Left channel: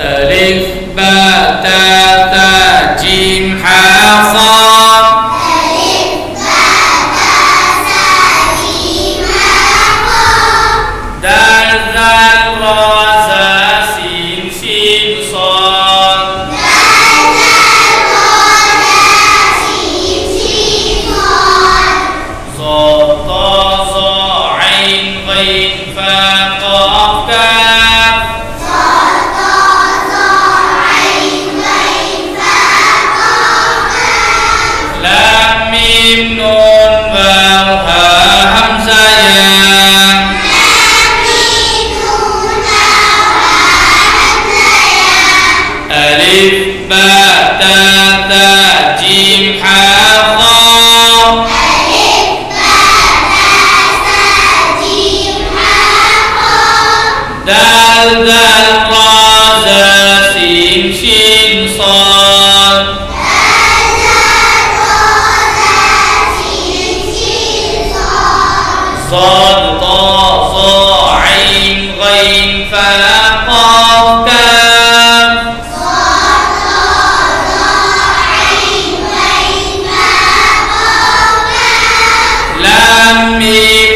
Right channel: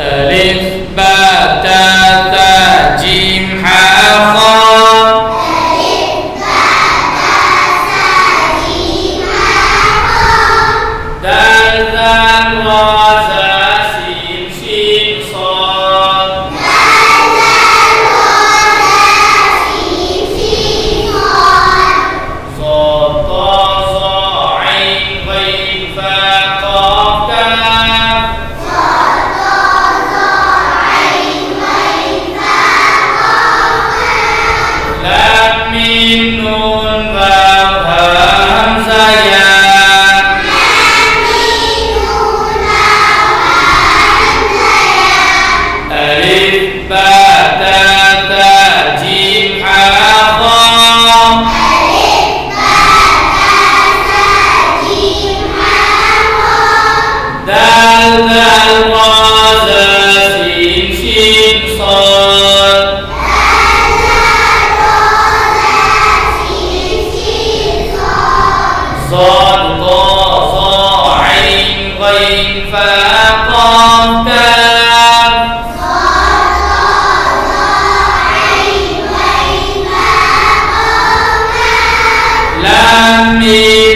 ألف باء تاء ثاء جيم حاء صاد دال ذال را زا سين شين صاد ظا طا ظا عين غين فاء قاف كاف لام ميم نون واو ها همزة يا ألف باء تاء ثاء جيم حاء ضاد دال ذال را زا سين شين صاد صاد طا ظا عين غين فاء قاف كاف لام ميم